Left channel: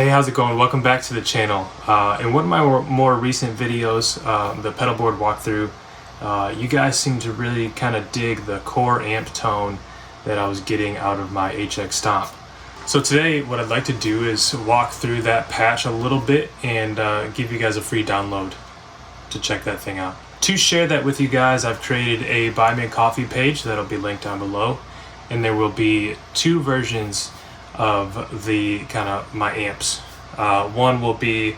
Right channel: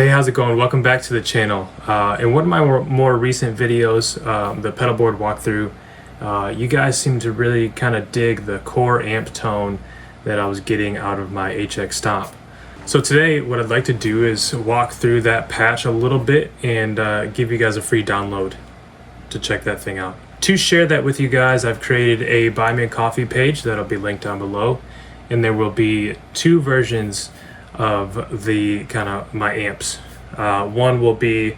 Hey, how's it going? Welcome back to the channel. In one of my more recent videos, the pedal board walkthrough, you guys seem to really kind of dig the core amp tone that I was getting out of my HX Stomp. So today what I'd like to do is walk through that patch a little bit and give you guys a free download to check that thing out. To share that with you guys, I've created a Buy Me a Coffee page that'll be linked down below, and there will be two versions of the kind of my amps. One will be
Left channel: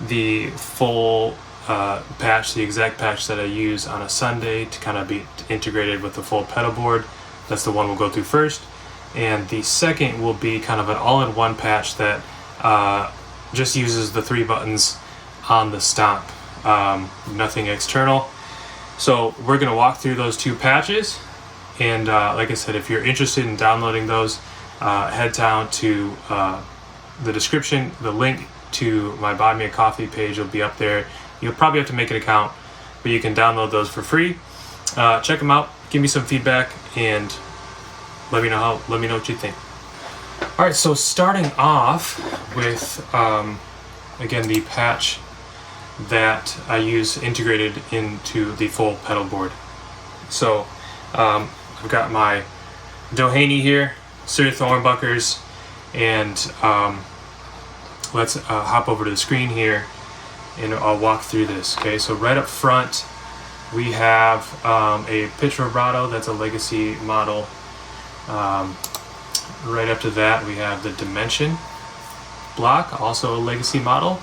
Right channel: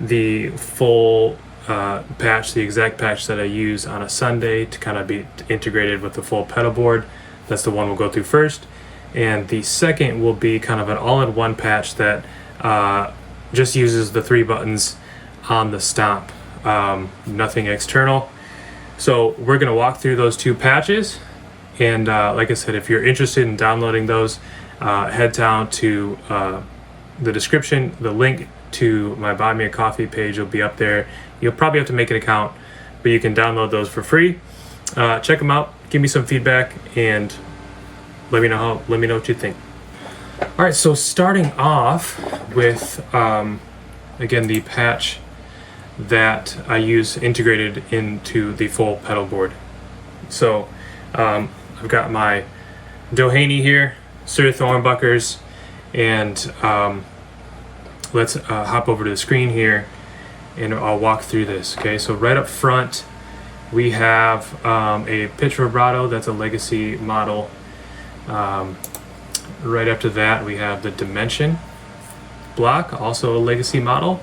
the full patch, the exact patch that I use on a Sunday to kind of be integrated with the full pedal board. That's the one we'll go through first. And the second will be kind of an all-in-one patch that just uses the 3 buttons on the Stomp, nothing external. So we're gonna walk through those two patches, and like I said, if you're interested in downloading those, head down to the description. The link to my Buy Me a Coffee page will be up there. You'll probably have to make an account, but you can download those for free. Check them out, give me some feedback, and let me know what you think. All right, so starting off with again the patch that I use integrated into the full pedal board. So I've got my Doheny here, Sir Humbuckers, and let's hop over to the screen here and I'll walk through this. Okay, so right up front we have a pitch vibrato that's a legacy model. Right up to that we have the Dimension block, also a legacy model.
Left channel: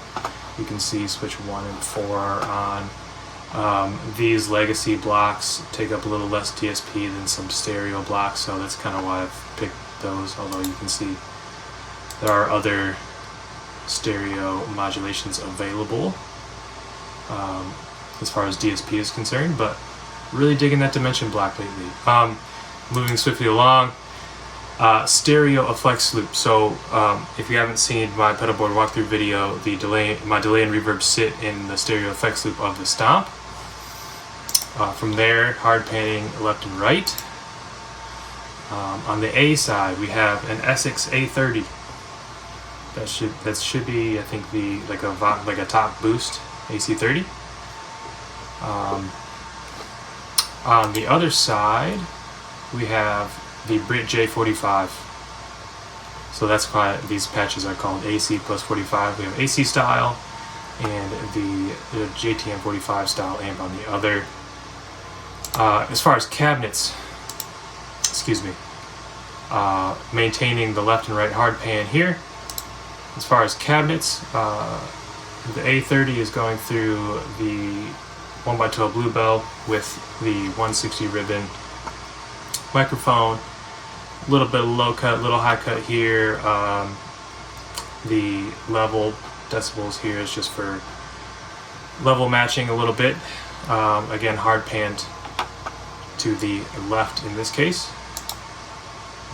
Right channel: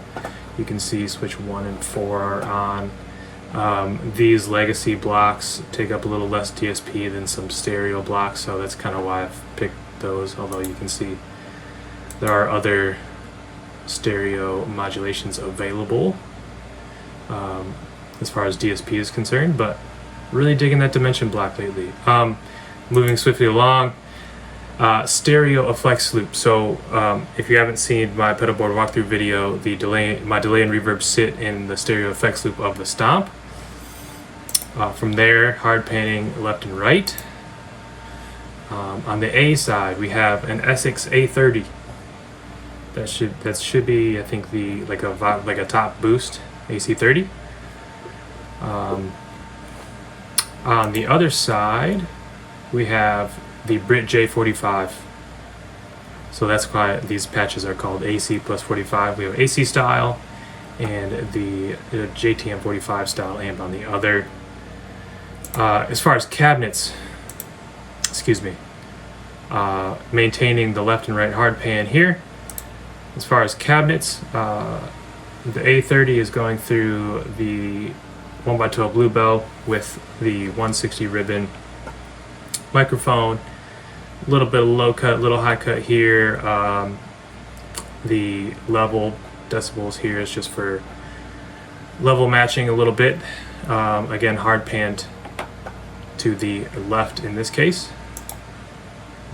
You can see switch 1 and 4 are on. These legacy blocks take up a little less DSP than some stereo blocks, so that's kind of why I've picked those, although you can see there are other stereo modulations available as far as DSP is concerned, but really digging that Dimension block lately. Moving swiftly along, stereo effects loop. So if you haven't seen my pedal board walkthrough video, my delay and reverb sit in the stereo effects loop of the Stomp. From there, hard panning left and right. On the A side, we have an Essex A30. That should be, I think, like a top boost AC30. On the other side, we have the Brit J45. So that's why these patches are called AC plus 45. We have AC style and the JTM 45 style amp on the other. As far as cabinets, maintaining the left and right hard pan here. As far as cabinets, the A30 is going through the 1x12 Bluebell with the 160 ribbon microphone. A little bit of low cut, little high cut here. The level decibels here is just for level matching a little bit. Again, hard panned to the left in this case.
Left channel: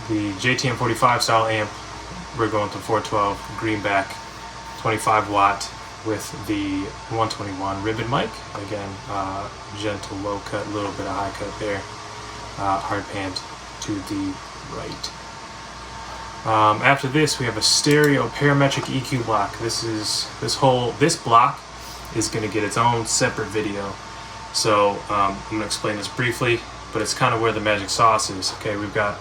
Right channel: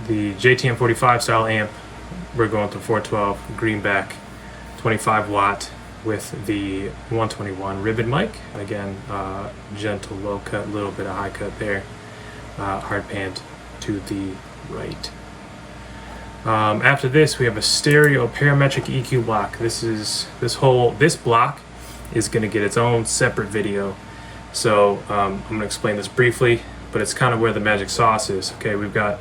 The JTM 45 style amp, we're going to 412 greenback 25 watt with the 121 ribbon mic. Again, gentle low cut, little bit of high cut there. Hard panned to the right. After this, we have a stereo parametric EQ block. This block is going to get its own separate video. So I'm going to explain this briefly, but it's kind of where the magic sauce is. Okay, we've got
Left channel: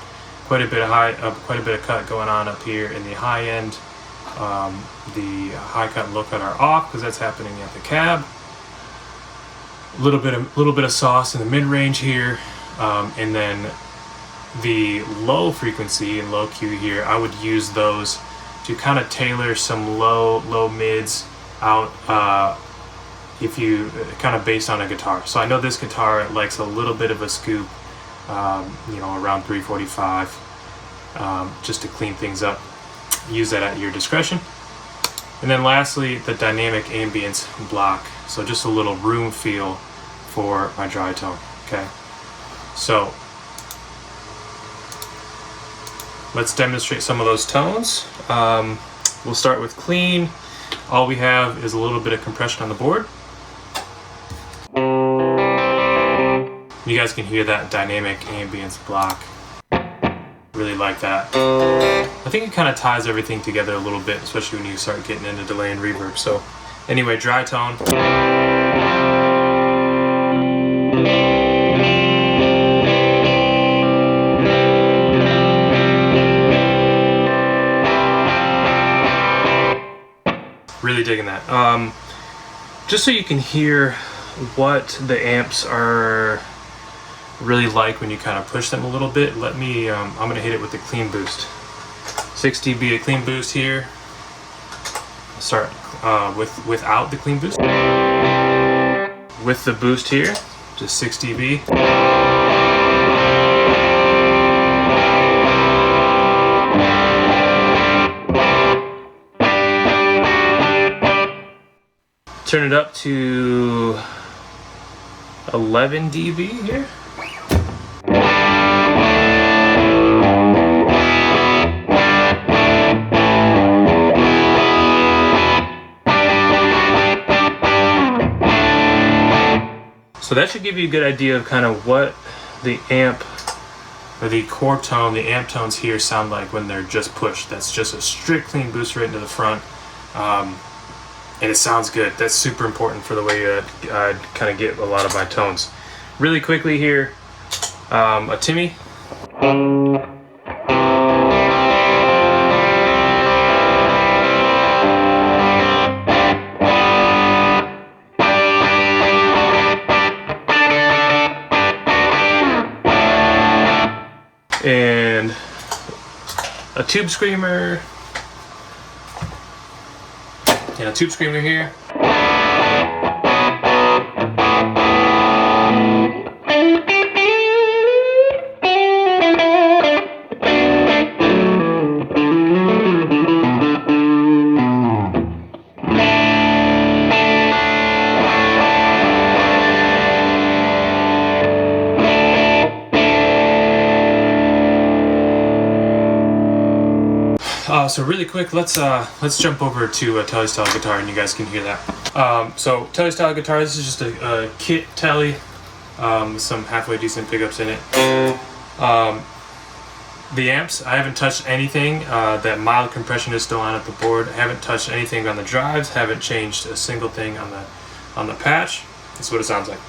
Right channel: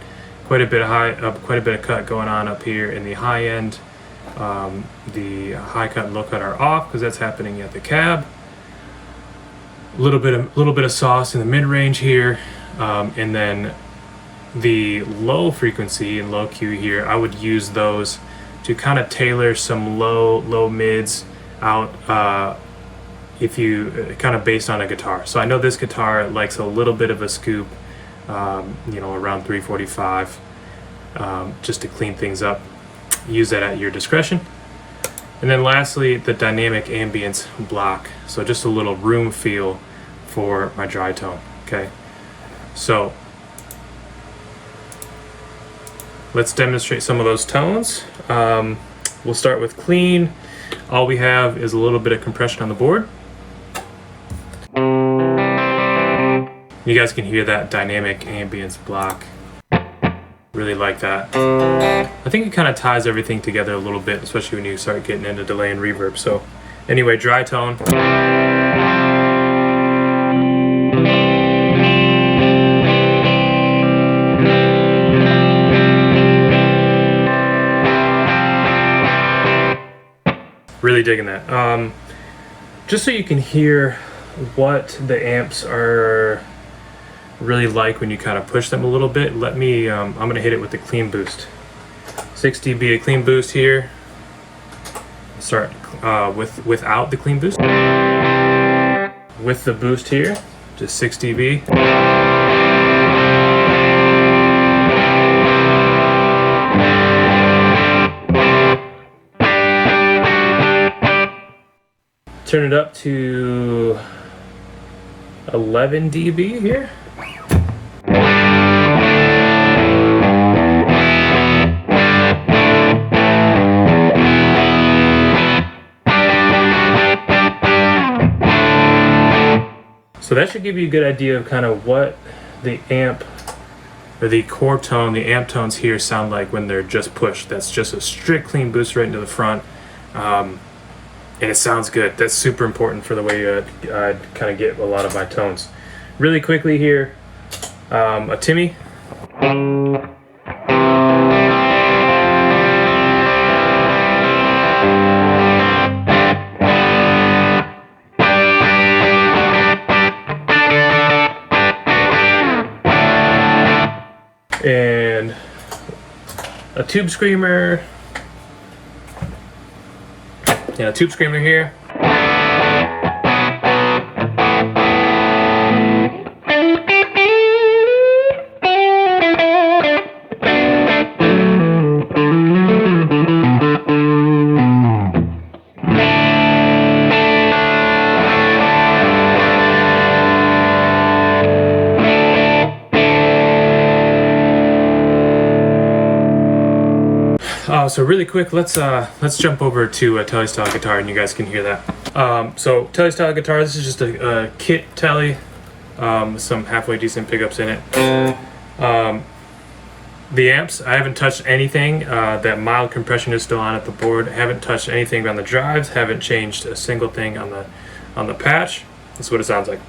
quite a bit of cut going on up here in the high end. The high cut and low cut are off because that's happening at the cab. A little bit of sauce in the mid range here, and then the low frequency and low Q here, I would use those to kind of tailor some low mids out, if you kind of based on a guitar. So I know this guitar likes a little bit of a scoop, around 345, just to clean things up. Use that at your discretion. And then lastly, the dynamic ambience block. So just a little room feel for my dry tone. Okay, so let's demonstrate some of those tones. We'll start with clean. All we have is a little bit of compression on the board. You guys can hear that dynamic ambience block Really like that. I think it kind of ties everything together a little bit, especially when you start getting into delay and reverb. So anyway, dry tone. Really digging that. Just so you can hear what the amps are really like when you kind of push them a little bit, let me, I'm gonna hit it with the clean boost. 6 dB clean boost here. Start without the clean boost. With the boost here, just 6 dB. Turn it up to 11 dB here. So that should give you a good idea of kind of what the amp or the core tone, the amp tones here sound like when they're just pushed. That's just a strict clean boost right into the front. And it sounds good. That's super important for the way I kind of get a lot of my tones. Really quickly here, a Timmy. And a tube screamer. Yeah, tube screamer here. So really quick, let's jump over to a Tele style guitar, and you guys can hear that. So Tele style guitar, this is just a kit Tele, some halfway decent pickups in it. The amps, I haven't touched anything. That mild compression is still on at the board. I haven't touched anything on the drives. Haven't changed a single thing on the patch. That's what it sounds like.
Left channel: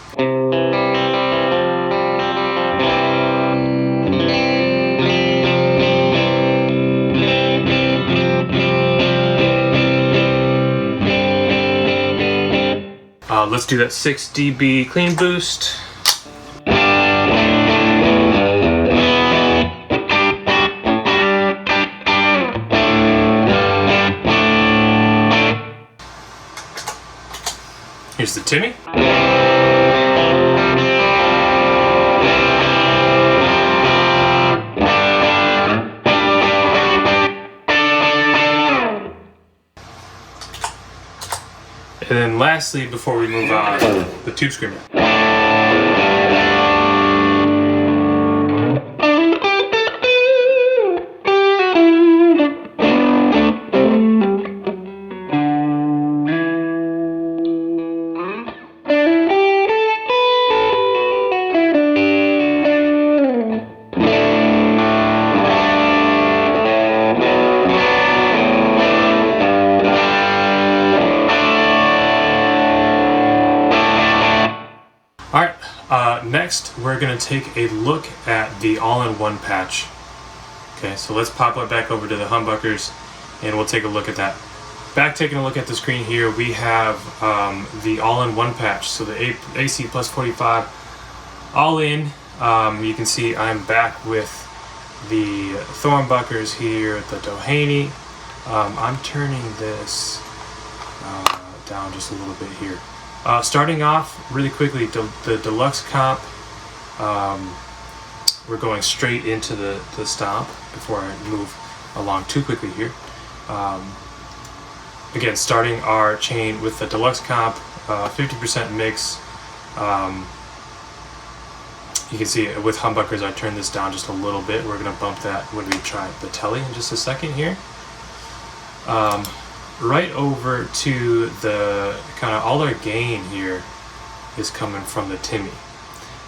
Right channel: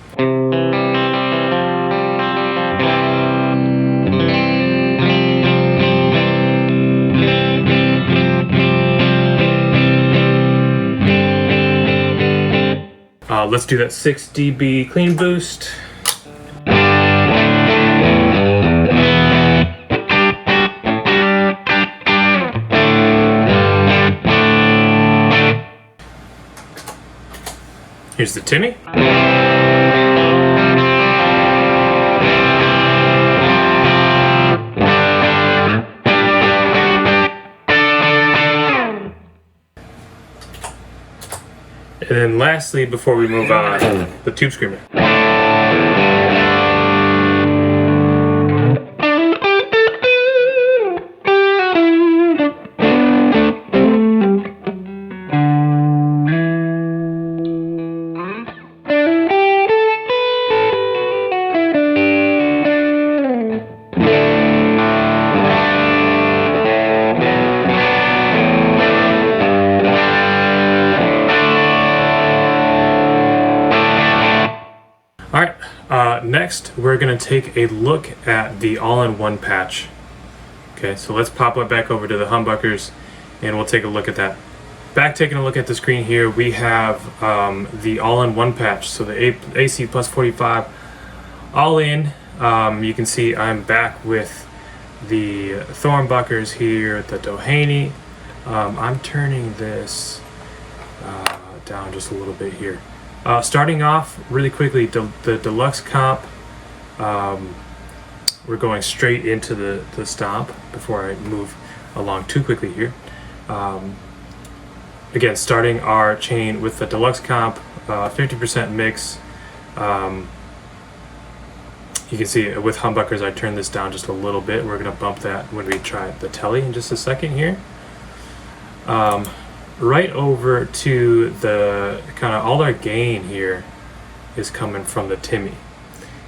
Let's do that 6 dB clean boost. Here's the Timmy. And then lastly, before we move on, the tube screamer. Next, we're going to take a look at the all-in-one patch. Okay, so let's pop it back over to the humbuckers and we'll take a look at that. Back taking a look at the screen here, we have the all-in-one patch. So the AC plus 45 all in. You can see I'm back with the Humbuckers here, the Doheny. I'm turning this down just a little bit here. Starting off really quickly, the deluxe comp, we're going straight into the Stomp before I move along too quickly here. Again, starting our chain with the deluxe comp, 50% mix. You can see with humbuckers I turned this down just a little bit. We're going to bump that when we try the Tele in just a second here. Right over to the kind of all our gain here is coming from the Timmy.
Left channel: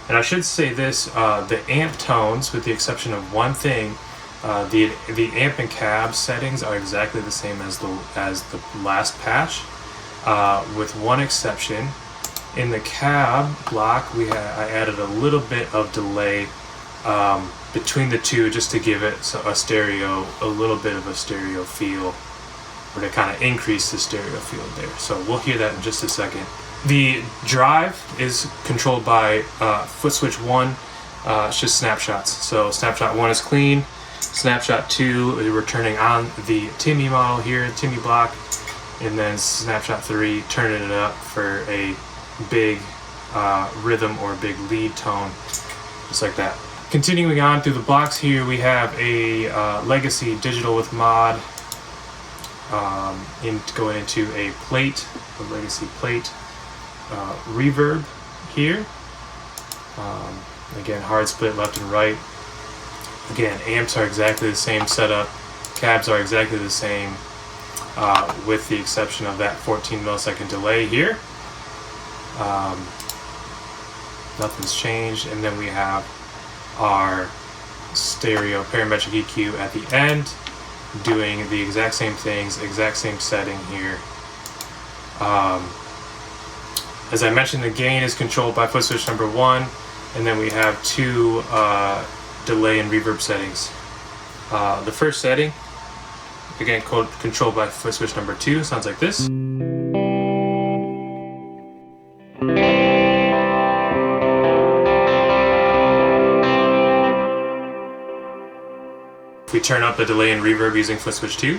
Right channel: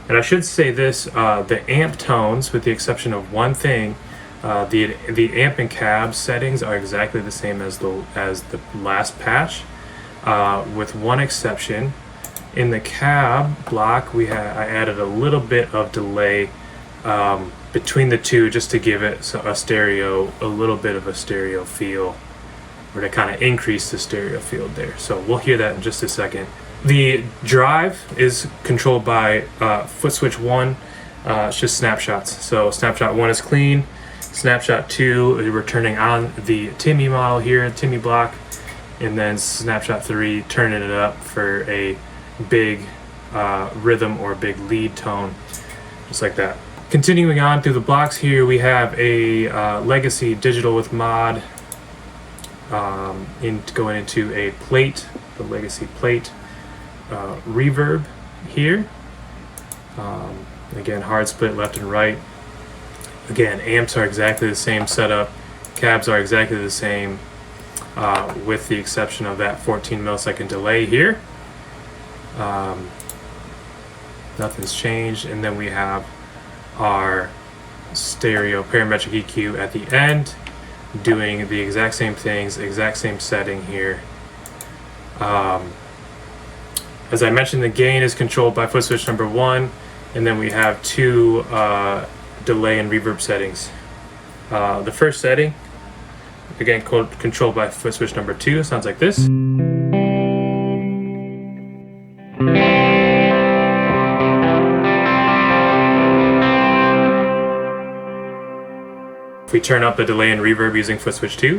And I should say this, the amp tones, with the exception of one thing, The amp and cab settings are exactly the same as the last patch, with one exception. In the cab block, I added a little bit of delay between the two, just to give it a little bit of a stereo feel, or to kind of increase the stereo field there. So we'll hear that in just a second. The drive is controlled by foot switch 1. It's just snapshots. So snapshot 1 is clean. Snapshot 2, we're turning on the Timmy model here, Timmy block, and then snapshot 3, turning it up for a big rhythm or big lead tone, just like that. Continuing on through the blocks here, we have a legacy digital with mod, going into a plate, the legacy plate, reverb here. Again, hard split left and right. Again, amps are exactly the same setup, cabs are exactly the same, with the exception of that 14 millisecond delay here. Nothing's changed, and then we have our stereo parametric EQ at the end, doing the exact same things, exact same setting here. As I mentioned, the gain is controlled by foot switch number 1, and then we have 2 delay and reverb settings. The first setting, again controlled by foot switch number 2, sounds like this. If we turn up the delay and reverb using foot switch 2.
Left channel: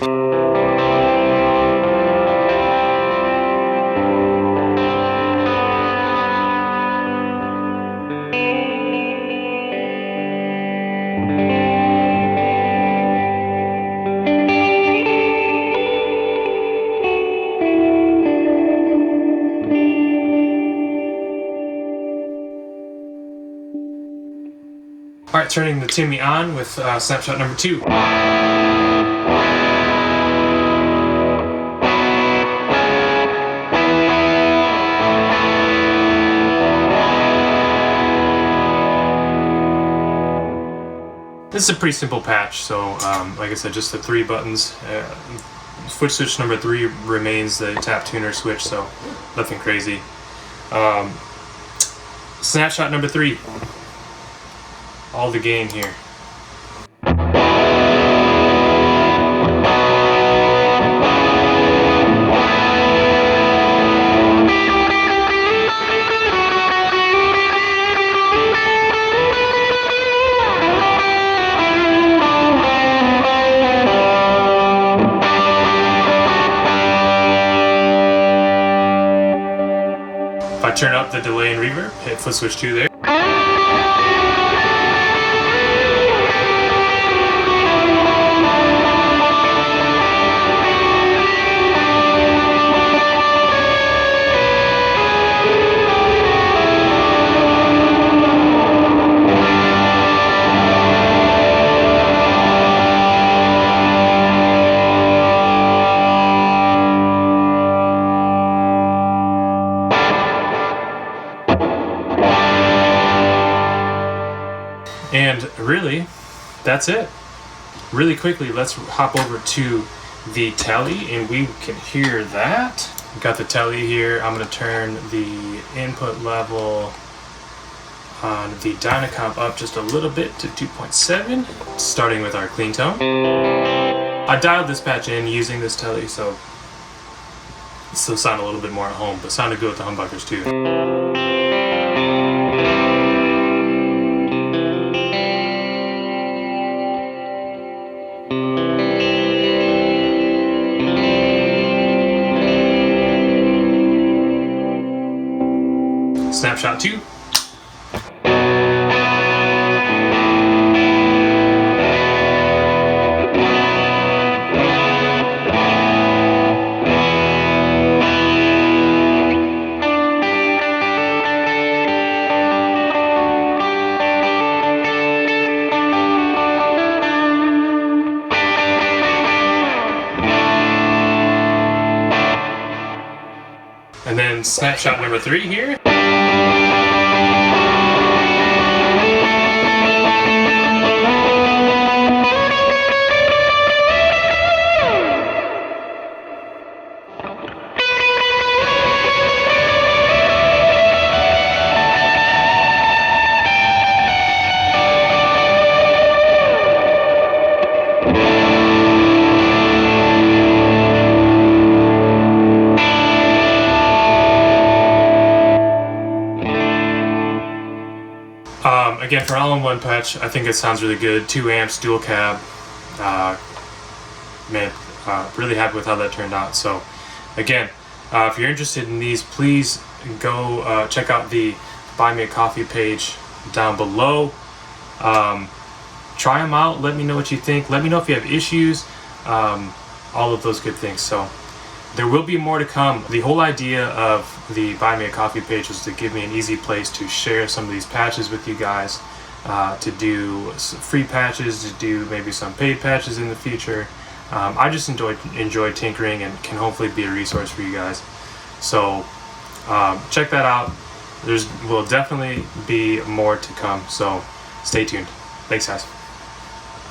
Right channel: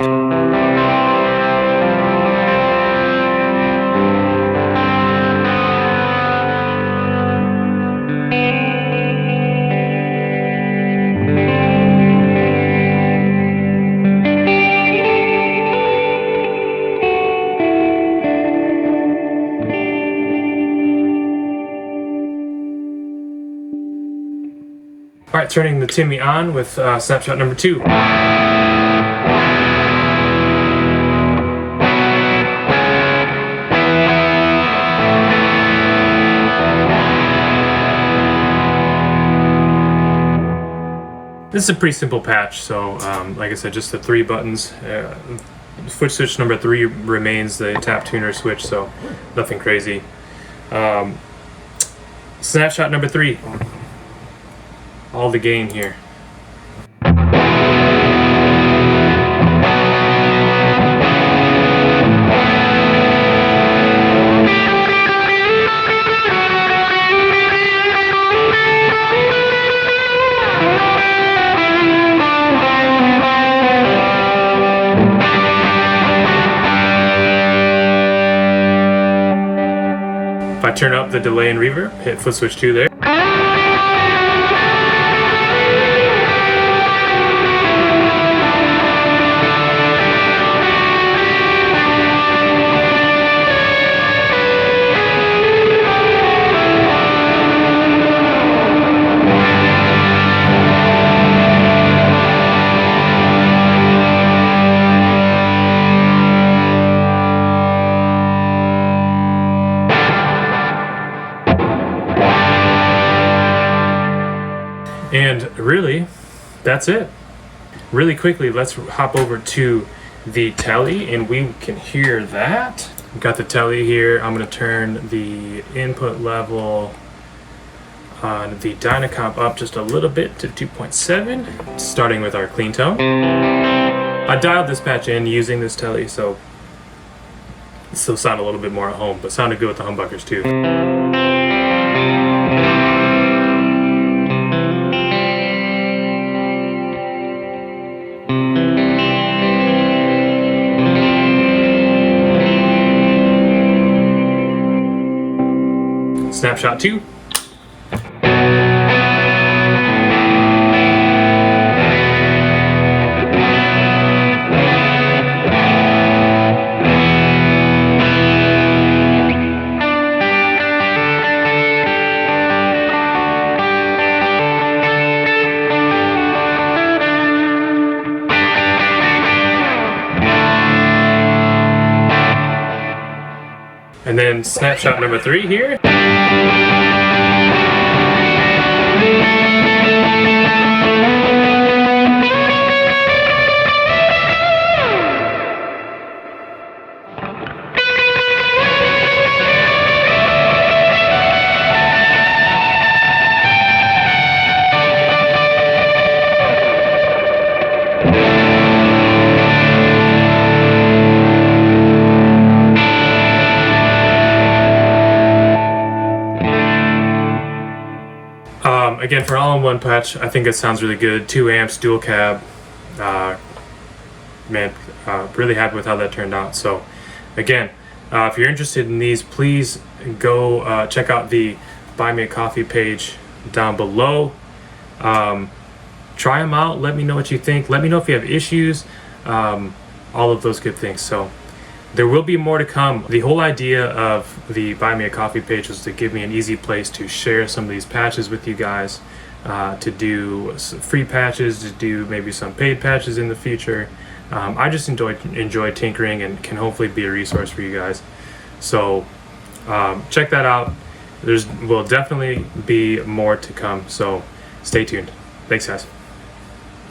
Alright, turning the Timmy on with snapshot number 2. This is a pretty simple patch, so like I said, just the 3 buttons. Foot switch number 3 remains the tap tuner switch, so nothing crazy. Snapshot number 3. All the gain here. If I turn up the delay and reverb, hit foot switch 2 there. And really, that's it. Really quickly, let's hop over to the telly and we can hear that. We've got the telly here. I'm gonna turn the input level on the Dynacomp up just a little bit to 2.7, starting with our clean tone. I dialed this patch in using this telly, so it still sounded a little bit more at home, but sounded good with the humbuckers too. Snapshot 2. And then snapshot number 3 here. again, for an all-in-one patch, I think it sounds really good. 2 amps, dual cab. Man, really happy with how that turned out. So again, if you're interested in these, please go check out the Buy Me a Coffee page down below. Try them out. Let me know what you think. Let me know if you have issues. All of those good things. So there will be more to come. The whole idea of the Buy Me a Coffee page was to give me an easy place to share some of these patches with you guys, to do free patches, to do maybe some paid patches in the future. I just enjoy tinkering and can hopefully be a resource for you guys. So check that out. Will definitely be more to come. So stay tuned. Thanks, guys.